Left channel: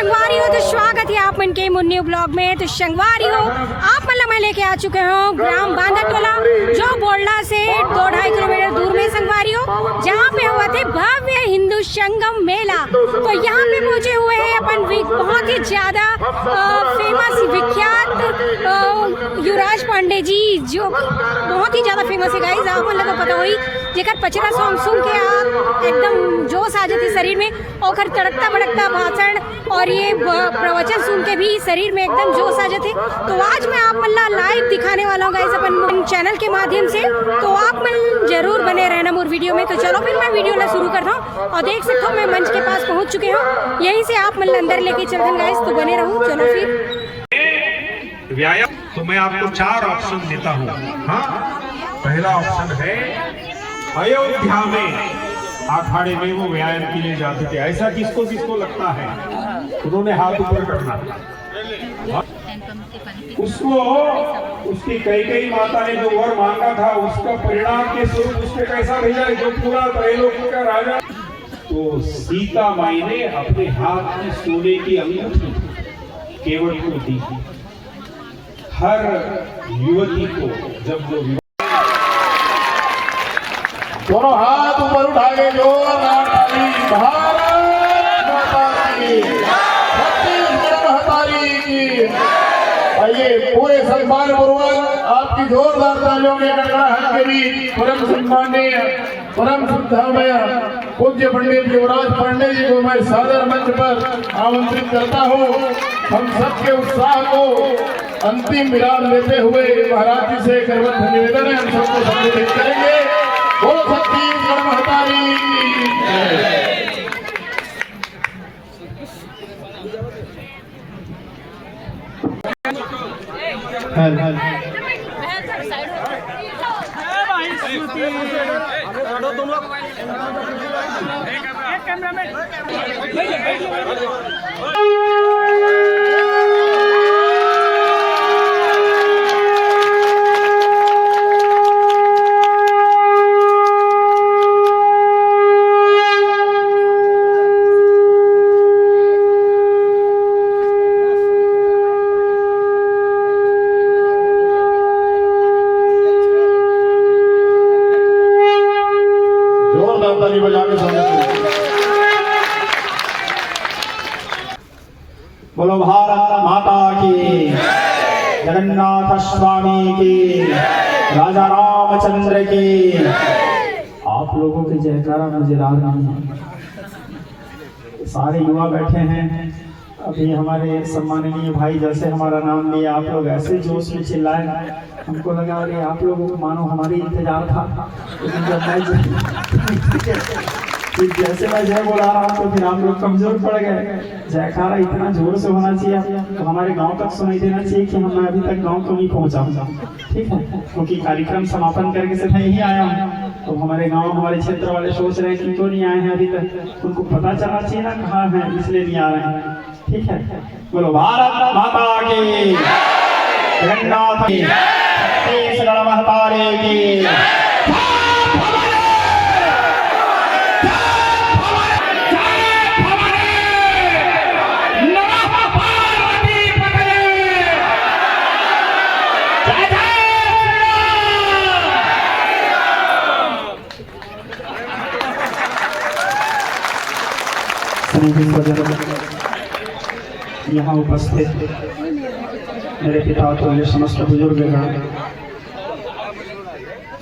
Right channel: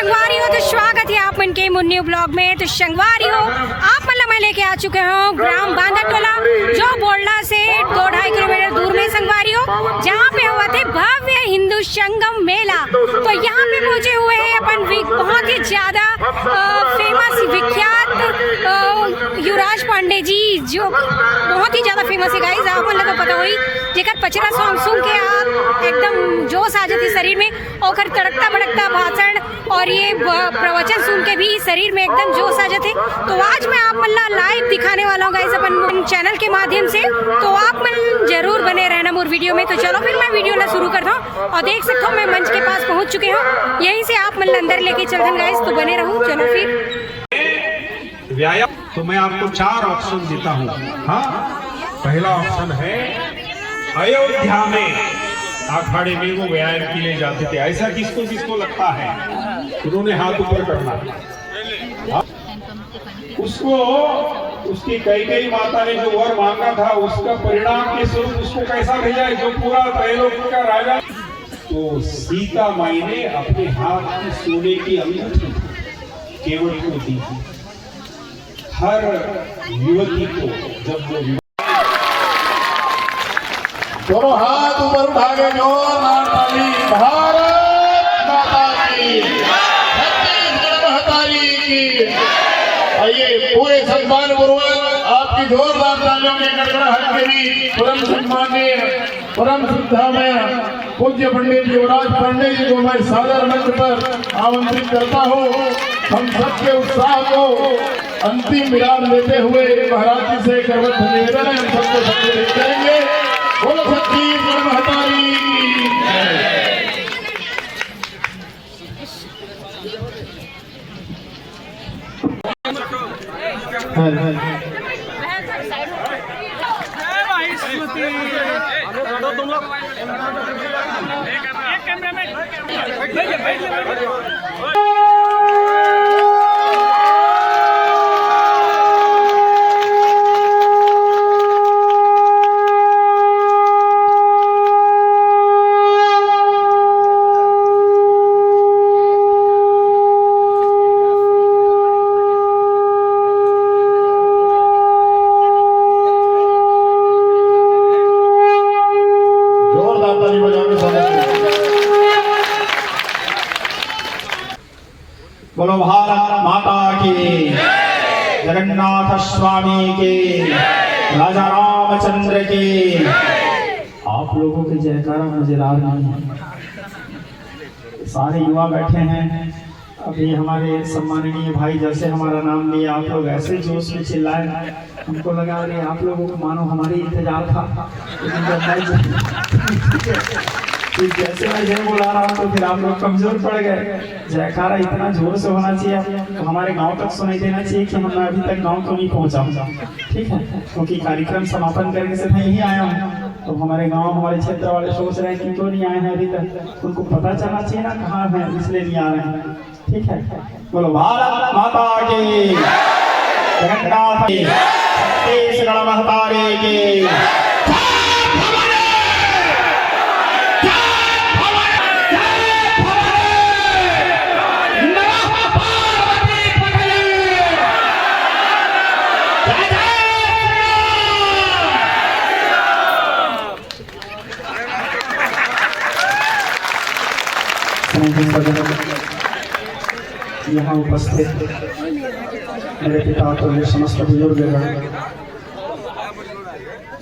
शंगवारी हो तो स्वागत है आप मन के मुन्नी ब्लॉग में। तो शंगवारी हो आप मतलब मैं लेके आ चुके हूँ ग्राम बांधाटोला, जो बोलडा से 2-2.5 किलोमीटर दूर में संगवारी हो, जहाँ पे हुआ थे भव्य हिंदू संगम मेला। तो यहाँ पे पहुँचे हुए हैं अपन बहुत ही ज्यादा फेमस विख्यात युवराज पांडे जी, जो बहुत ही ज्यादा फेमस है गाइस। आप मतलब पता हुई जेकर पचरा सॉन्ग सुन के आप एकदम जोश आ जाती शरीर में, और तड़कता भड़कता भाषण और ये प्रवचन सुन के भी शरीर में एकदम जोश आ जाते। तो आज मैं आप मतलब लाइव दिखाने वाला हूँ गाइस अपन चैनल के माध्यम से, तो आप मन जरूर बने रहना मोर वीडियो में। तो चलो फिर मैं वीडियो ला शुरू करता हूँ, और देख सकते हो मैं मंच के पास पहुँच चुके हूँ, यहीं से आप मतलब अंदर लेके चलते हैं गाइस। तो बने रहो, चलो फिर व्यायाम। तो मैं आपको 4 ऑप्शन देता हूँ। हाँ, पहला ऑप्शन है अयोध्या में अखाड़े में वो व्यायाम के लिए जाते थे। ऐसा किसको किसको लगता है? उन्होंने हाथ ऊपर करना। उसको उसकी कई माता ने जो वर मांगा था, उसका परिणाम के स्वरूप उसको कैसा भेजा, जो पूरा त्रैलोक्य का राजा। तो सीता माई ने अपने हाथ की सोने की अंगूठी केवट को दी थी। हर युवती को जब वो दोनों हाथ ऊपर उठा के जो नारायणी भारत माता की, छत्तीसगढ़ महतारी की। आइए पूरे सम्मान पूर्वक आपकी जोरदार तालियों के गड़गड़ाहट के बीच परम सम्मानीय परम श्रद्धामय पूज्य पंडित युवराज पांडे जी को मैं सादर मंच पर आमंत्रित करता हूँ। हम सबके उत्साह को अंतिम विराम देते हुए महाराज जी से करवत निवेदन है, हम सबको संबोधित करेंगे। बोलो छत्तीसगढ़ महतारी की जय। बोलो भारत माता की, जगन्नाथ स्वामी की, राजा रामचंद्र की। आप लोगों के जयकारा मजेदार नहीं है। सारे युवा बैठे हैं, अभी हमारे सम्माननीय भाई जैसे हमारा नाम लिए आप लोग ऐसे जोश में चिल्लाए, हमको लगा अरे आप लोगों को मानो हमारी इंतजार था। लेकिन जब जैसे मैं जय बोला रहा हूँ तो फिर आप लोग कमजोर पड़ गए। जयकारा इतना जोर से होना चाहिए, तो हमारे गांव तक सुनाई देना चाहिए कि मैं अभी तक गांव तो नहीं पहुंचा हूँ। ठीक है, क्योंकि कार्यक्रम समापन करके से मैं यही आया हूँ, तो हमारे गांव हमारे क्षेत्र वाले सोच रहे हैं कि क्यों नहीं आए हैं अभी तक। उनको पता चलना चाहिए ना कहाँ है, इसलिए नहीं आ रहे हैं। ठीक है, बोलो भारत माता की, जगन्नाथ की, छत्तीसगढ़ महतारी की। यहाँ उपस्थित मेरे पिता तो ये समस्त बुजुर्गगण,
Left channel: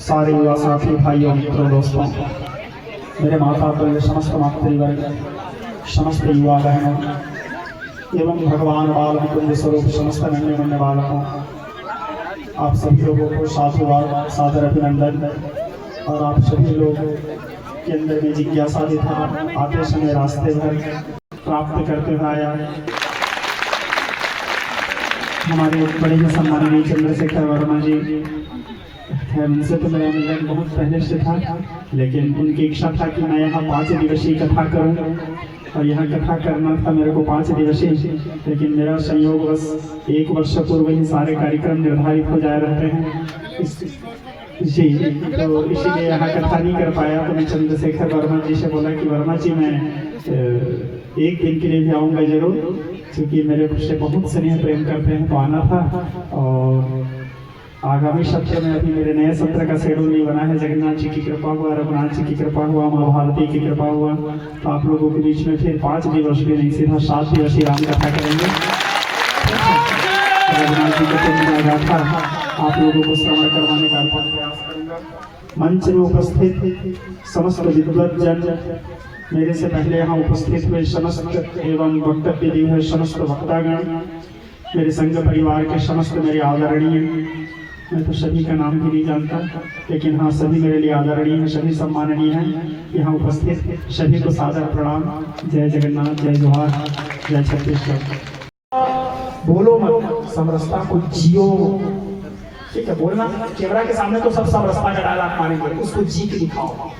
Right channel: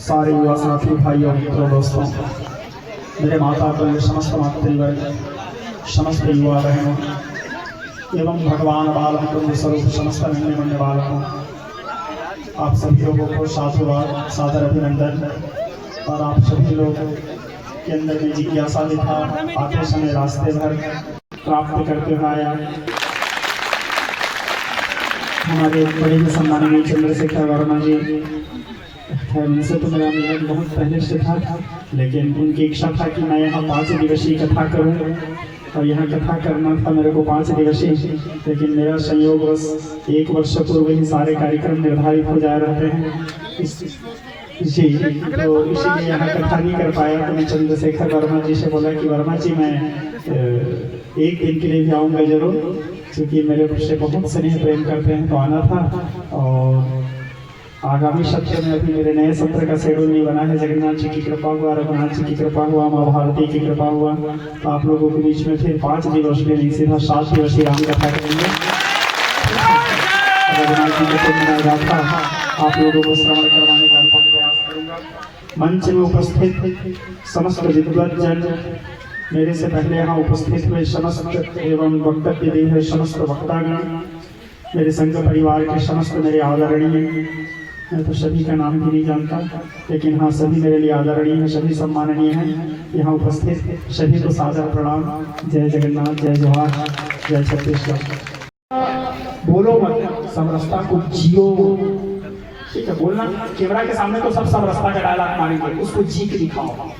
सारे युवा साथी भाइयों मित्रों दोस्तों, मेरे माता तो ये समस्त मातृवर्ग, समस्त युवा बहनों एवं भगवान बाल कुंज स्वरूप समस्त गण्य मान्य बालकों, आप सभी लोगों को सादर अभिनंदन। और आप सभी लोग के अंदर में जिज्ञासा दिखा आते समय रास्ते भर प्राप्त करते हुए आया। हमारे बड़े ही सम्माननीय चंद्रशेखर वर्मा जी, उनसे तो मेरा मिलन बहुत पहले से था, लेकिन उनकी इच्छा था कि मैं यहाँ 5 दिवसीय कथा करूँ, और यहाँ कथा करना था मेरे को 5 दिवसीय, लेकिन मेरा संयोग बस 1 वर्ष पूर्व ही सारे कार्यक्रम निर्धारित हो जा रहे हैं जी, तो इसीलिए यहाँ कथा नहीं कर पाया। तो मैं चंद्रशेखर वर्मा जी से बोला कि वर्मा जी मैं एक दिन के लिए भी आऊँगा जरूर, क्योंकि मेरे से बहुत स्नेह प्रेम करते हैं, तो आना था। और आगामी सत्र में अभी मेरे नए सत्र का शेड्यूल नहीं बना है। जगन्नाथ जी की कृपा हुआ, रघुनाथ जी की कृपा हुआ, माँ भारती की कृपा हुआ, तो आप लोगों के बीच में फिर 5 दिवस में नहीं, सीधा 7 दिवसीय राम कथा करेंगे। रघुनाथ जी का गाथा आप लोगों को श्रवण करवाने का प्रयास करूँगा। मंच में उपस्थित समस्त विद्वज्जन, मेरे से पहले यहाँ उपस्थित हुए समस्त एवं वक्तव्य दिए हुए समस्त वक्तागण, मेरे संघ परिवार के समस्त मेरे आदरणीय, मैं तो सभी का नाम भी नहीं जानता, लेकिन हाँ सभी मेरे लिए आदरणीय हैं, सभी सम्माननीय हैं। यहाँ उपस्थित सभी को सादर प्रणाम। जय जगन्नाथ, जय जोहार, जय छत्तीसगढ़। बोलो मत, समरसता को जियो। ठीक है, बोलना कैमरा के सामने तो सब समरसता का डायलॉग मारेंगे, उसको जी के दिखाओ,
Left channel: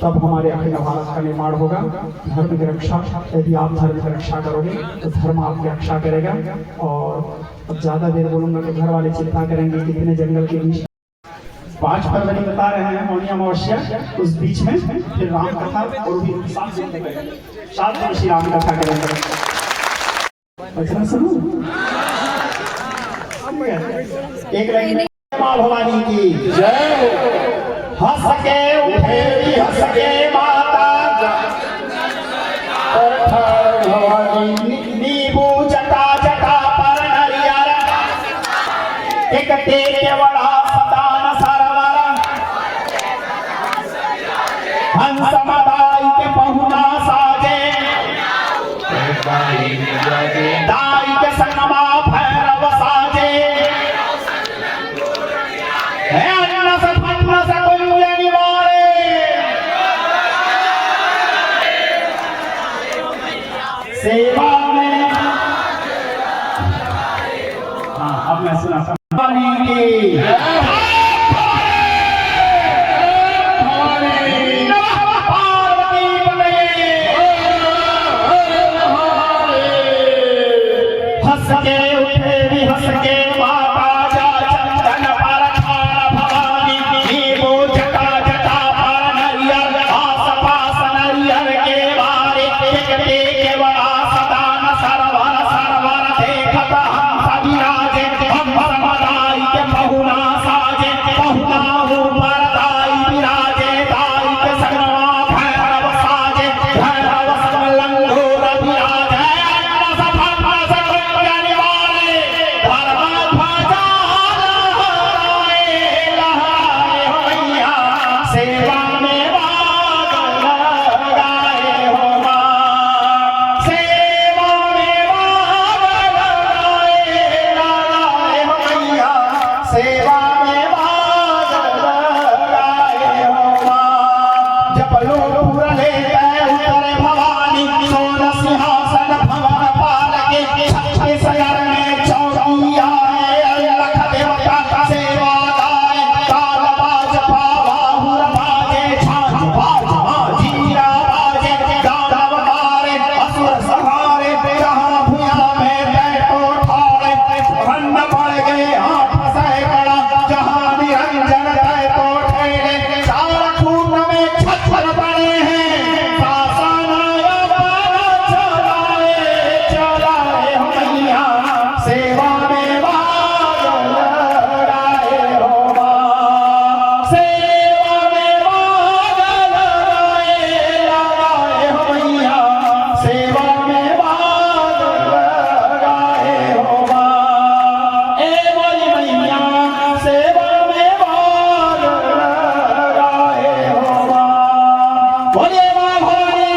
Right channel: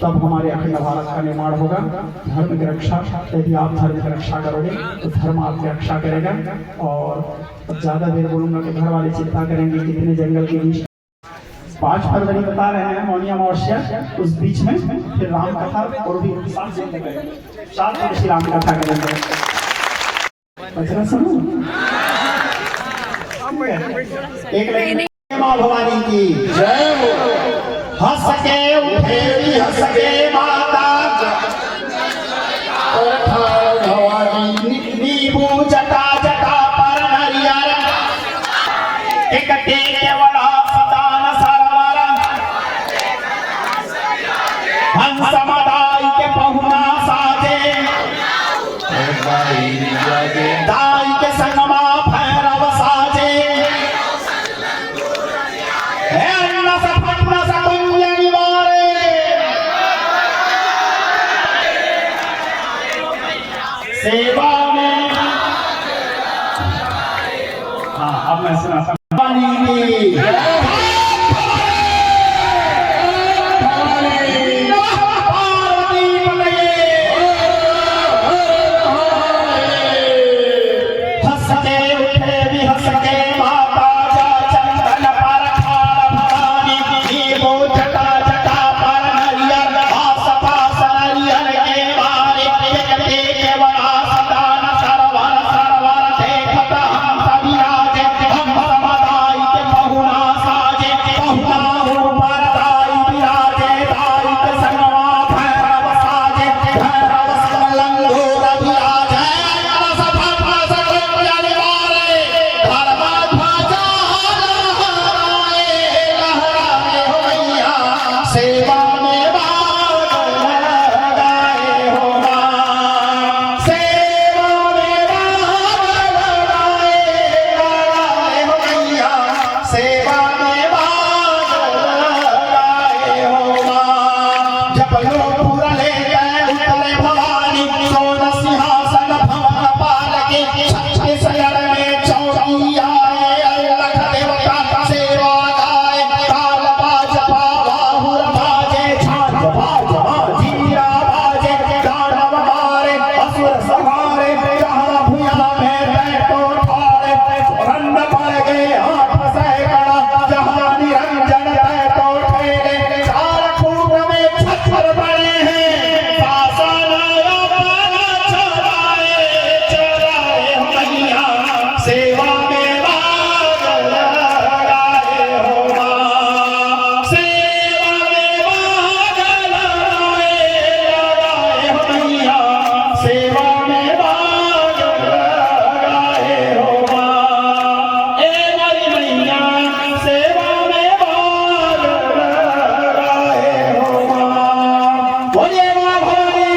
तब हमारे अखंड भारत का निर्माण होगा। धर्म की रक्षा, यदि आप धर्म की रक्षा करोगे तो धर्म आपकी रक्षा करेगा। और अब ज्यादा देर बोलूंगा तो घर वाले चिंता करेंगे, कितने जंगल के बीच 5 फरवरी बता रहे हैं मौनी अमावस्या, उस बीच में फिर राम कथा और भी 7 दिन करेंगे, 7 दिवसीय राम कथा करेंगे। अच्छा सुनो, एक लाइन माँ भवानी की जय हो। हंस के उठेरी हंस के माता भवानी, नींबू जटा जटा पर हरियर, एक टेके बड़ा सदान सरवर, हंस मदाई के पहुना साजे, दाई के संगमा भैरव साजे, सेवा में। हाँ, अब मैं सुना हंस के उठे भी हंस के बाबा जा चंदन पर खार भवानी, नींबू जटा जटा पर हरियर, आस पास नरियर के बारे, के बड़ा सदान सरवर सरवर, देखत हम सभी राजे, हम मदाई के पहुना साजे, पहुना ऊपर दाई विराजे, दाई के संगवा भैरव साजे, भैरव लंगोर विराजे, सेवा में बादल लगाए हो मां, सेवा में बादल लगाए हो मैया, सेवा में बादल लगाए हो मां। जब लोग पूरा ले गए उतरे भवानी, सोन सिंहासन भवन पाल के, छत्तीस शरण में चौकिया में लख देवता का सेवा गाए, काल बाज पाहुर बाजे, छाछ बाज जीरा बाजे, दानव मारे असुर सहारे, राम भुया में बैठो ठाड़े, रंग पड़ गए हाथ सैकड़ा, जहां निरंजन तय तो ठेले, चार खून में छत्र पड़े हैं, चलाए मैया, सेवा में बादल लगाए हो मां, सेवा में बादल लगाए हो मैया, सेवा में बादल लगाए हो मां, ए मेरी मैया, सेवा में बादल लगाए हो मां। बोले मां भवानी।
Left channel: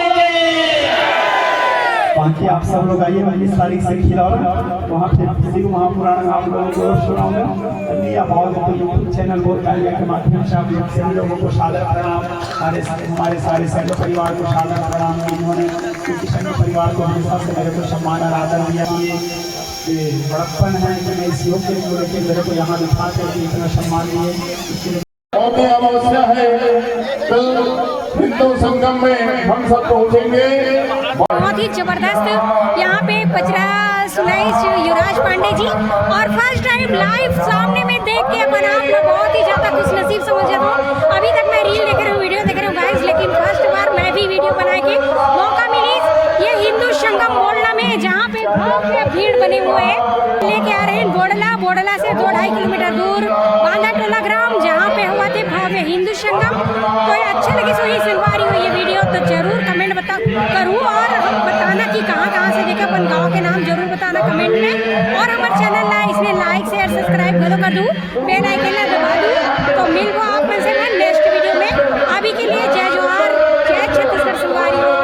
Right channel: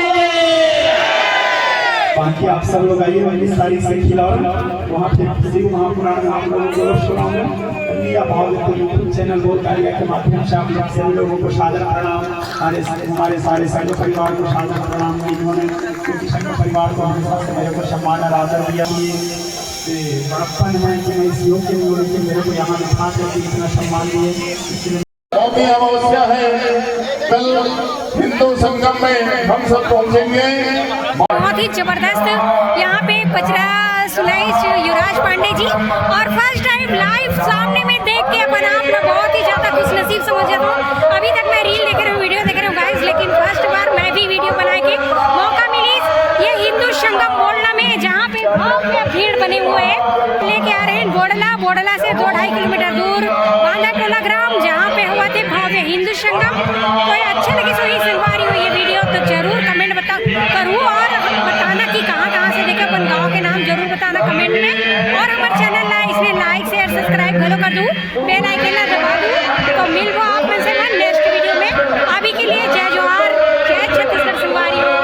बाकी आप सब लोग आइए, 19 तारीख से खिलाओ वहाँ पे शिव महापुराण आप लोगों को सुनाऊंगा। लिया भाव तो यूट्यूब चैनल बहुत कार्य के माध्यम से आप सभी लोगों को सादर प्रणाम, हमारे सारे संघ परिवार को सादर प्रणाम। इन्होंने क्योंकि संघ परिवार को हमेशा से मेरे को सम्मान और आदर दिया, ये बड़प्पन है कि मैं इस योग के लिए लेकिन मेरे को यहाँ बिठा करके इतना सम्मान दिए। अमावस्या है, कल हिंदू संगम में हम सब पहुंचेंगे। बहुत ही जबरदस्त यहाँ पे पचरा सुनाई युवराज पांडे जी, और फर्स्ट टाइम लाइव सामने में देख के अपन आप लोग बहुत ही ज्यादा खुशनसीब समझ जाता हूँ। अभी तक मैं रील देख रही हूँ, वीडियो देख रही हूँ गाइस, लेकिन फर्स्ट बार मैं भी वीडियो बना के मौका मिली बने हुए हैं। लेके आ रहे हैं बोडला से 2-2.5 किलोमीटर दूर बांदाटोला ग्राम, जहाँ पे हुआ थे भव्य हिंदू संगम। तो ये अच्छा लगे सो ही संगवारी हो ये वीडियो तो जरूर कमेंट करूँ और बताना कि कहाँ से देखे, अपन गाँव के नाम जरूर बताना कमेंट में। और हमारे चैनल ला इसलिए लाइक शेयर सब्सक्राइब घलो कर दूँ, बेल आइकन ला दबा दूँ। तो मिलबो आप में से मैं नेक्स्ट वीडियो में। अभी के लिए जय जोहार, जय छत्तीसगढ़ संगवारी हो।